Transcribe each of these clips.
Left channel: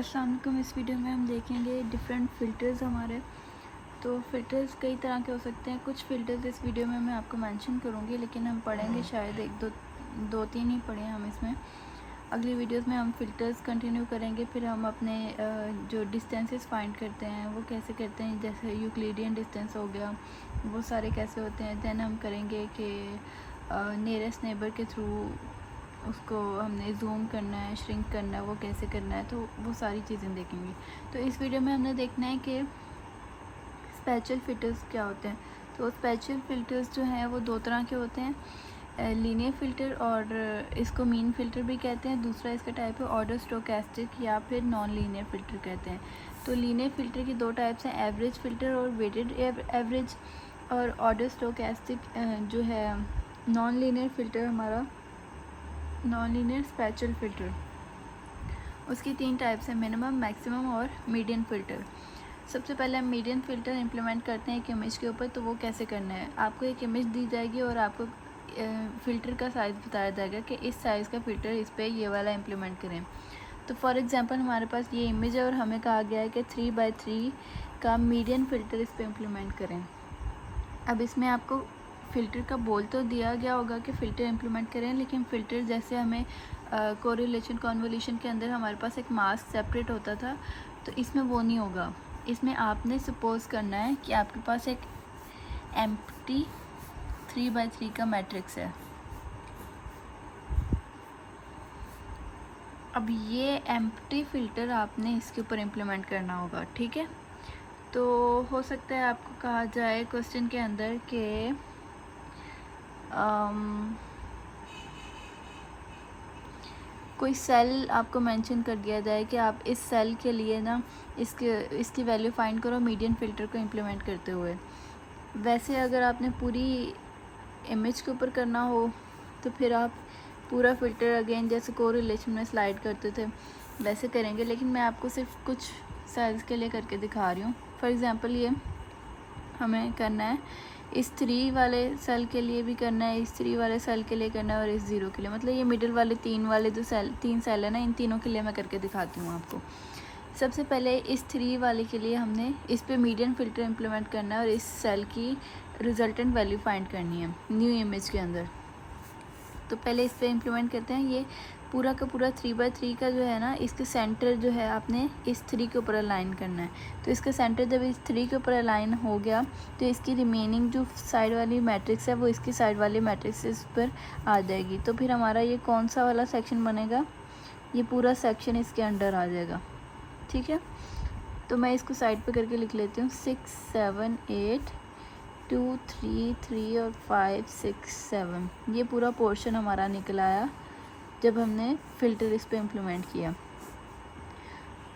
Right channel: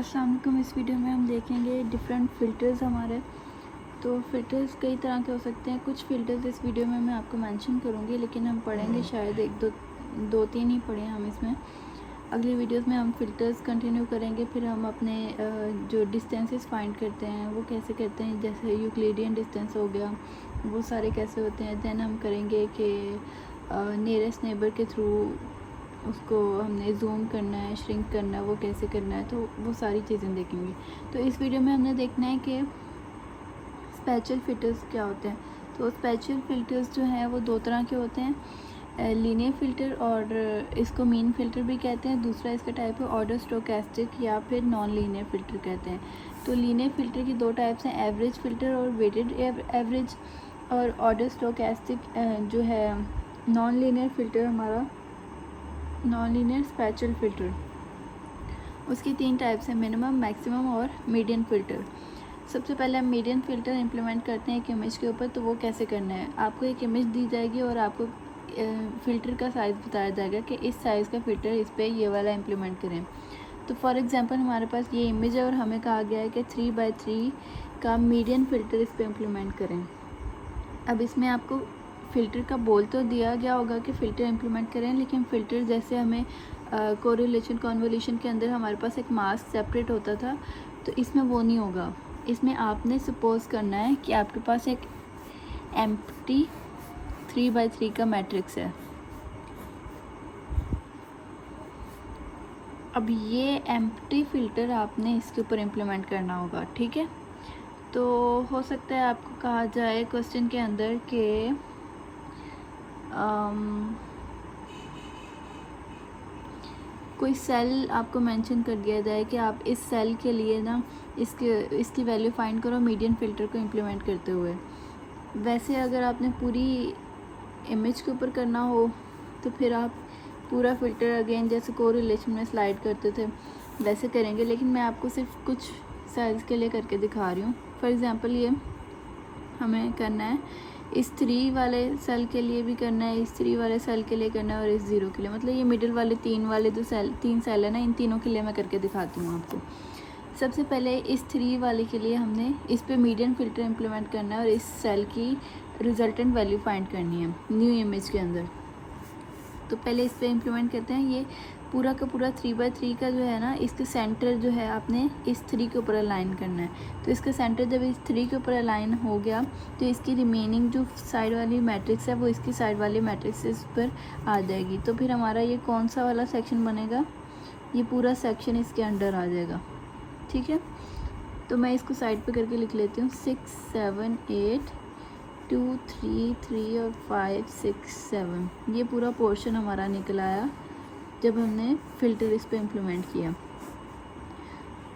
अस्सलाम वालेकुम। इस वीडियो में हम देखेंगे डिफरेंट फ़िल्टर्स हमारे। तो फ़िल्टर्स कई तरह के हो सकते हैं। कुछ फ़िल्टर्स इस वीडियो में मैं आपको मेंशन करूँगी, लेकिन हम पढ़ेंगे शायद दो तीन ही पढ़े हम इसमें। अगली वीडियोस में हम फ़िल्टर्स कंटिन्यू करेंगे। फिर हम अपने जो डिस्टेंसेस फाइंड करते हैं वो कैसे करते हैं, जैसे यूक्लिडियन डिस्टेंस हो गया, वो सारे कैसे होते हैं। दैन हम करेंगे कि नियरेस्ट नेबर के थ्रू उसको हमने जूम करना है, श्रिंक करना है, वो कैसे करना है, तो वो सारी चीज़ें देखेंगे। तो इस वीडियो में हमने देखना है कि स्पेशल फ़िल्टर्स क्या होते हैं। तो स्पेशल फ़िल्टर्स जो हैं वो दो तरह के होते हैं, लीनियर फ़िल्टर और इसको मीन फ़िल्टर भी कहते हैं। दूसरा इसका टाइप है ऑर्डर स्टोकेस्टिक या फिर नॉन लीनियर फ़िल्टर कहते हैं। तो लीनियर फ़िल्टर की दो टाइप्स हैं, एवरेज फ़िल्टर और वेटेड एवरेज। और ऑर्डर स्टोकेस्टिक जो है नॉन लीनियर फ़िल्टर हमारा नॉन लीनियर स्पेशल फ़िल्टर, उसकी तीन टाइप्स हैं, मिनिमम, मैक्सिमम और मीडियन फ़िल्टर। सबसे पहले हम मीडियन फ़िल्टर इम्प्लीमेंट करते हैं एक इमेज के ऊपर। तो वो कैसे करना है, आपको एक इमेज दी जाएगी और आपको फ़िल्टर का साइज़ बताया जाएगा कि इस साइज़ का फ़िल्टर इस पर ये वाला इम्प्लीमेंट करें। तो फॉर एग्ज़ाम्पल हमारे पास ये इमेज है और हमें कहा गया है कि 3x3 का मीडियन फ़िल्टर इस पर इम्प्लीमेंट करें। अब इसमें आपको फ़िल्टर का बोल तो दिया गया होगा कि फ़िल्टर इम्प्लीमेंट करें, लेकिन फ़िल्टर जैसे हमें कोरिलेशन कन्वोल्यूशन के अंदर हमारे पास एक मास्क सेपरेट होता था, तो इसमें वो नहीं होगा। इसमें आपने सपोज़ करना है कि आपके पास एक एम्प्टी 3x3 का मैट्रिक्स है। अब ये एम्प्टी फ़िल्टर आपने इसके ऊपर इम्प्लीमेंट करना होगा, ठीक है। तो हो सकता है आपको कहा जाए क्वेश्चन के अंदर कि कोई सेल आपको मेंशन कर दिया जाए कि आप इस सेल के लिए ना इसकी वैल्यू फाइंड करो मीडियन फ़िल्टर को इम्प्लीमेंट करते हुए। वैसे अगर आपने पूरी इमेज के ऊपर करना हो तो फिर आप पूरा फ़िल्टर अगेन जैसे कोरिलेशन में स्लाइड करते थे वैसे करेंगे, लेकिन मैं आपको सिर्फ कुछ सेल्स के लिए करके दिखा रही हूँ। फॉर एग्ज़ाम्पल ये हमें करना है इस 3 वाले सेल के लिए भी करना है, इस 3 वाले सेल के लिए करना है और इस 0 के लिए, मतलब ये मिडिल वाले 3 वाले जो तीन सेल है ना, इन तीनों के लिए मैं करके दिखाती हूँ आपको। सबसे पहले इस 3 वाले के लिए हमने इस पे मीडियन फ़िल्टर इम्प्लीमेंट करना है और इस सेल की रिजल्टेंट वैल्यू फाइंड करनी है न्यू इमेज के अंदर। तो पहले इस पे इम्प्लीमेंट करते हैं। ये पूरा का पूरा 3x3 का जो है ना, इसके सेंटर जो है आपने इस 3 के ऊपर अलाइन करना है। तो इसका सेंटर जब इस 3 के ऊपर अलाइन हो गया तो इसकी रिमेनिंग जो साइड वाली मैट्रिक्स है वो इसकी साइड वाली मैट्रिक्स पर आ जाएगी। तो फिर हमारा ये कौन सा वाला सेक्शन बनेगा, ये पूरा सेक्शन इसके अंडर आ जाएगा, ठीक है। तो मैं इसको साइड पे करके लिख लेती हूँ 6 7 8 2 3 3 और 5 6 7। ये पूरा पोर्शन हमारा निकल आया जब हमने फ़िल्टर इस पे इम्प्लीमेंट किया।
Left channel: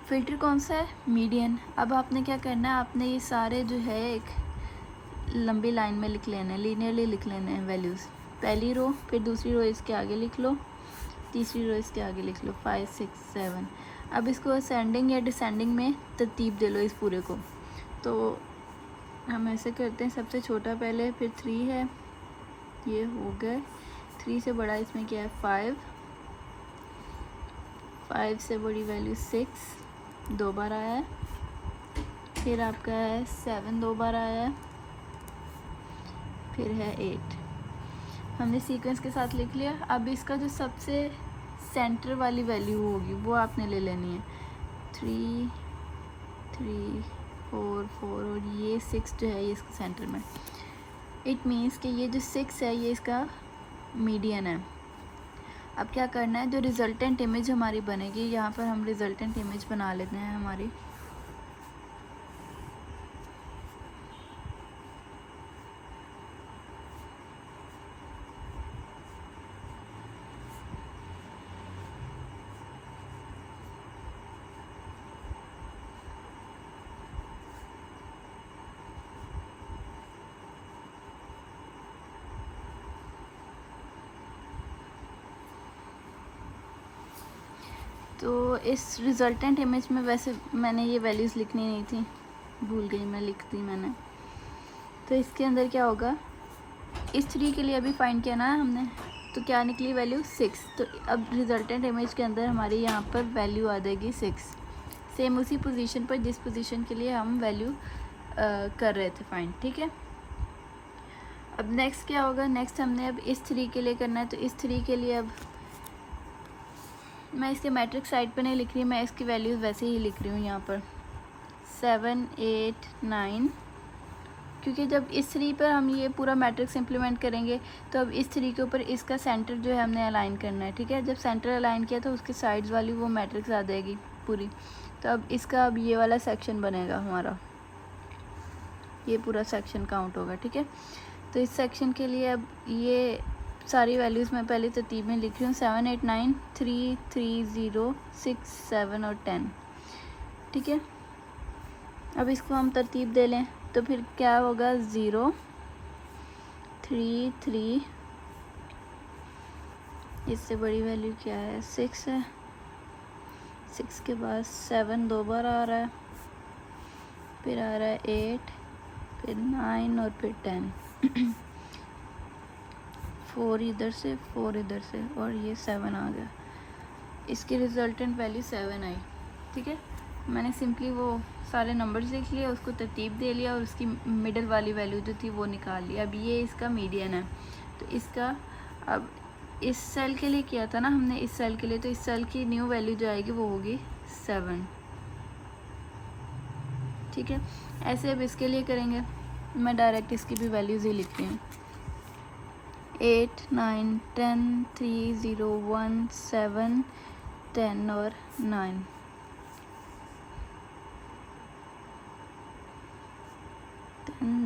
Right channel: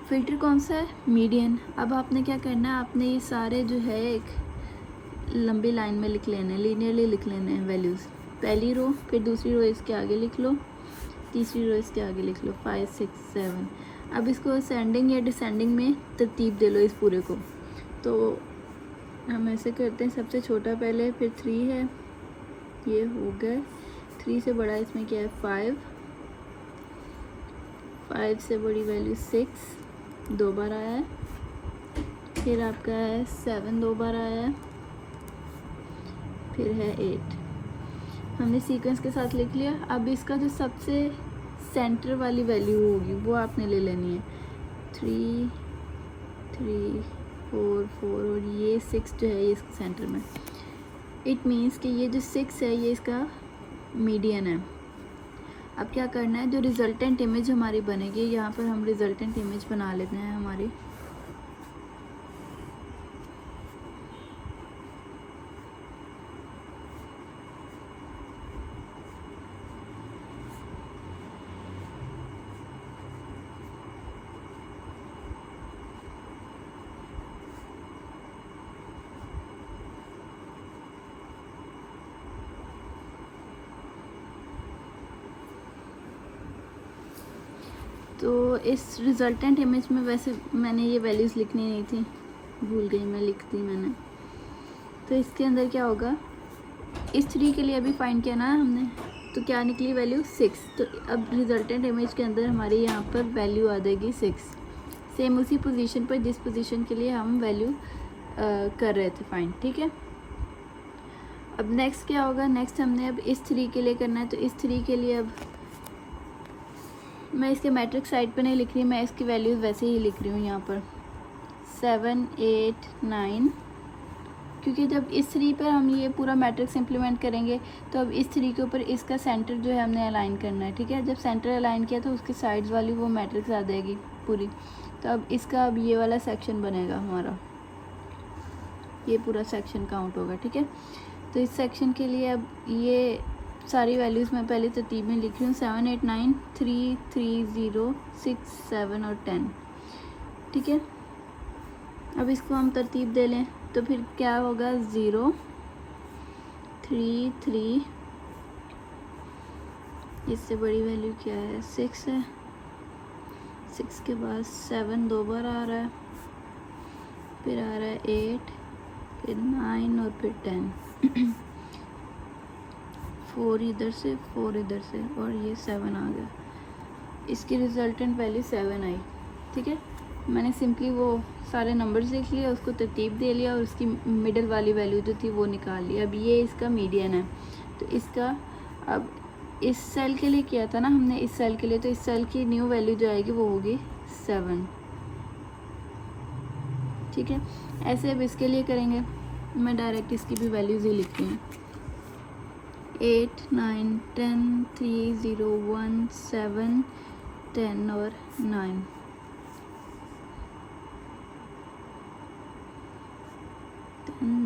फ़िल्टर कौन सा है, मीडियन। अब आपने क्या करना है, आपने ये सारे जो है एक लंबी लाइन में लिख लेने हैं, लीनियरली लिख लेने हैं वैल्यूज़। पहली रो, फिर दूसरी रो इसके आगे लिख लो, तीसरी रो इसके आगे लिख लो, 5 6 7। अब इसको असेंडिंग या डिसेंडिंग में तरतीब दे लो इस पूरे को। तो हम ऐसे करते हैं, सबसे छोटा पहले, फिर 3 है, ये हो गए। 3 से बड़ा इसमें क्या है 5, 5 से बड़ी वैल्यू 6 दो बार आया है, फिर आपका है 7 दो बार आया है, फिर है 8। हमने सीक्वेंस के साथ लिख लिया। अब इसका जो सबसे सेंटर वाली वैल्यू होगी वो आपने ले लेनी है, 3 3 4 4 और ये 6 जो है ये इसके सेंटर में। इट मीन्स कि ये जो 6 है ये इसका मीडियन है। अब क्या करना है, जो रिज़ल्टेंट इमेज हमारी बनेगी, यहाँ पर हम रिज़ल्टेंट इमेज बना लेते हैं हमारी। तो इस रिज़ल्टेंट इमेज में वैसे मैंने ये वैल्यूज़ लिखनी नहीं थी, भूल गई मैं, लिख दी मैंने। तो इसके अंदर क्या होगा, इस 3 के लिए अभी फाइंड किया ना हमने, तो क्या निकली वैल्यू 6। तो अब रिज़ल्टेंट इमेज के अंदर हमारी यहाँ पर वैल्यू आ जाएगी 6। सेम उसी पोजीशन पर जिस पोजीशन के लिए हम वैल्यू कर रहे थे फाइंड, ठीक है। अब नेक्स्ट क्या होगा, नेक्स्ट हमने अब इस 3 के लिए करना है। तो इस 3 के लिए अब मैं इसके मैट्रिक्स साइड पे नहीं लिख रही, मैं इसकी वैल्यूज़ वैसे ही लिख रही हूँ यहाँ पर 7 8 9, क्योंकि जब इस 3 पर हम ये पूरा मैट्रिक्स इम्प्लीमेंट करेंगे तो अब इस 3 के ऊपर इसका सेंटर जो है हमने अलाइन करना है, ठीक है। जब सेंटर अलाइन किया तो उसके साइड्स वाली वो मैट्रिक्स आ जाएगी पूरी। तो अब इसका अब ये वाला सेक्शन बनेगा हमारा, ये पूरा सेक्शन काउंट होगा, ठीक है। तो इस सेक्शन के लिए अब ये सारी वैल्यूज़ मैं पहले तरतीब में लिख रही हूँ 7 8 9 3 3 0 6 7 और 10, ठीक है। अब इसको हम तरतीब दे लें तो फिर क्या होगा 0 3 3, इससे बड़ी वैल्यू क्या है 6 है, 6 के बाद 7 2 बार आ रहा है, फिर आ रहा है 8, फिर 9 और फिर 10 4 इधर से 4 इधर से और ये 7 आ गया। इसकी रिजल्टेंट वैल्यू 7 आई, ठीक है। मैंने सिंपली वो सारे नंबर्स लिख लिए, उसको तरतीब दे लिया और उसकी मिडल वाली वैल्यू जो थी वो निकाल ली। अब ये इसका मीडियन है, तो इसका अब इस सेल के लिए किया था ना हमने, इस सेल के लिए, तो इस सेल की न्यू वैल्यू जो आएगी वो होगी 7, ठीक है। ऐसे अब इसके लिए करेंगे, मैं डायरेक्ट इसकी भी वैल्यूज़ ही लिख रही हूँ 8 9 10 3 0 1 7 10 और 9।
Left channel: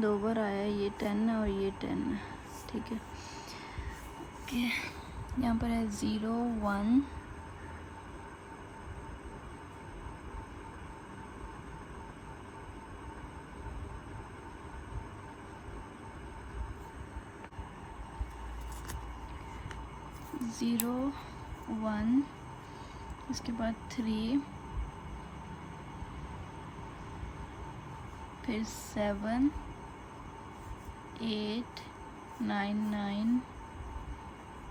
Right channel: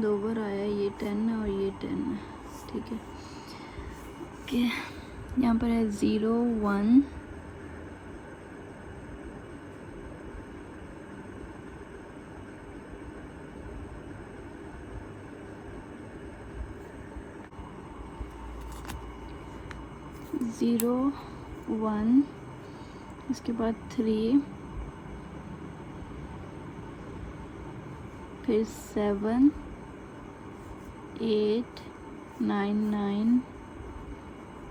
दो बार आया, ये 10 और ये 10 है, ठीक है। ओके, यहाँ पर है 0 1 0 1, इसके बाद 3, फिर 7 8 9 9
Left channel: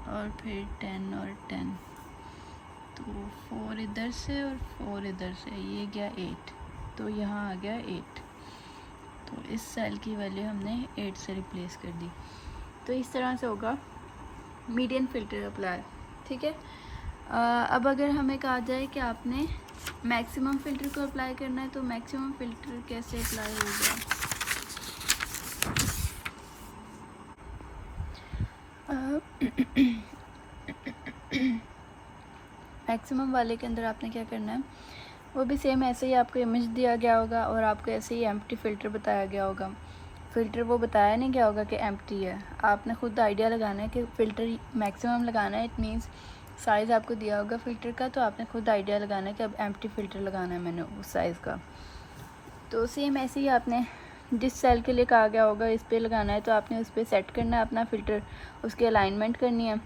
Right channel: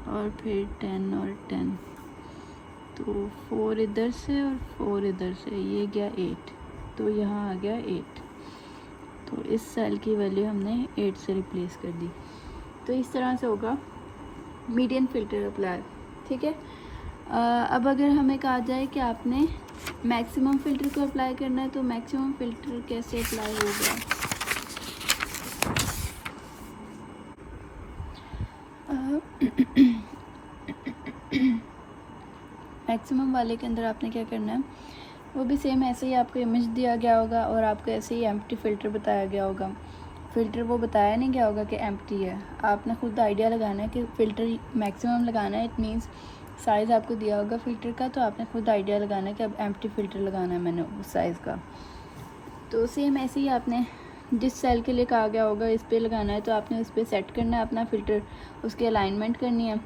और फिर 10 और 10। तो 4 इधर से और 4 इधर से, ये गया 8, तो यहाँ आ गया 8। तो इस सेल की वैल्यू हमने 8 से रिप्लेस कर दी। तो इस तरह से होगा मीडियन फ़िल्टर अप्लाई, ठीक है। अब अगर हमें कहा जाए कि आपने मैक्सिमम फ़िल्टर को अप्लाई करना है, तो मैक्सिमम फ़िल्टर कैसे अप्लाई होगा। मैक्सिमम वाले के अंदर आपने क्या करना है, वो भी सेम ऐसे ही आपको इमेज दिया गया होगा और आपको ऐसे ही एम्प्टी फ़िल्टर बताया गया होगा। फ़िल्टर वो बताया नहीं गया होगा कि एम्प्टी है, आपने खुद आइडिया लगाना है कि फ़िल्टर मैक्सिमम लगाना है। इट मीन्स साइज़ आपको दिया होगा फ़िल्टर का, तो आपने खुद आइडिया लगाना है कि अब एम्प्टी फ़िल्टर लगाना है मैंने उस साइज़ का। तो सेम ऐसे ही आपने जिस सेल के लिए कहा गया होगा इस पर लगाना है, तो आपने उस पर सेट करना है अपना फ़िल्टर, उसकी अलाइनमेंट करनी है,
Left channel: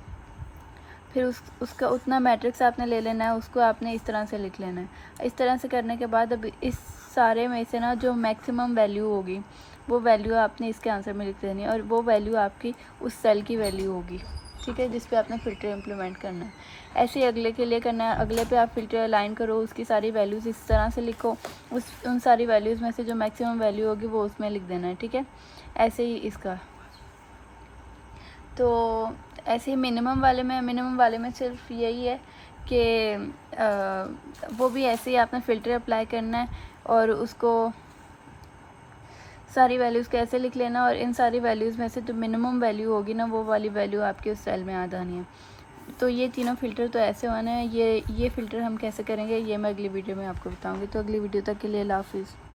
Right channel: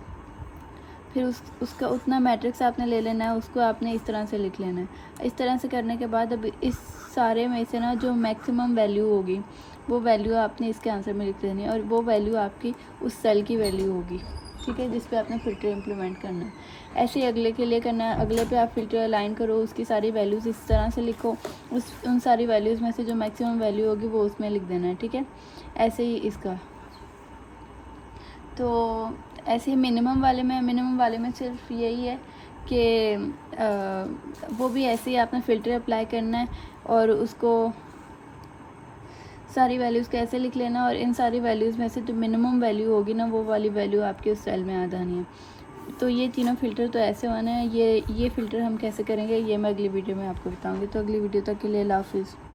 फिर उसका उतना मैट्रिक्स आपने ले लेना है, उसको आपने इस तरह से लिख लेना है। इस तरह से करने के बाद अब इस सारे में से ना जो मैक्सिमम वैल्यू होगी वो वैल्यू आपने इसके आंसर में लिख देनी है, और वो वैल्यू आपकी उस सेल की वैल्यू होगी, ठीक है, जिस पे आपने फ़िल्टर इम्प्लीमेंट करना है। ऐसे ही अगले के लिए करना है, अगले पे आप फ़िल्टर अलाइन करो, उसकी सारी वैल्यूज़ इस तरह से लिखो, उन सारी वैल्यूज़ में से जो मैक्सिमम वैल्यू होगी वो उसमें लिख देना है, ठीक है। ऐसे ही इसका, तो ऐसे ही मिनिमम वाले में सिर्फ यही है कि वो भी ऐसे ही आपने फ़िल्टर अप्लाई करना है और उसको सारी वैल्यूज़ कैसे लिख लेना, और इन सारी वैल्यूज़ में से जो मिनिमम वैल्यू होगी ना वो वाली वैल्यू आपके उस सेल में आ जानी है। तो ये तीनों फ़िल्टर तो ऐसे होना है। ये फ़िल्टर हम कैसे करेंगे ये मैं अगली वीडियो में आपको बताऊँगी। तो अगली वीडियो तक के लिए अल्लाह हाफ़िज़।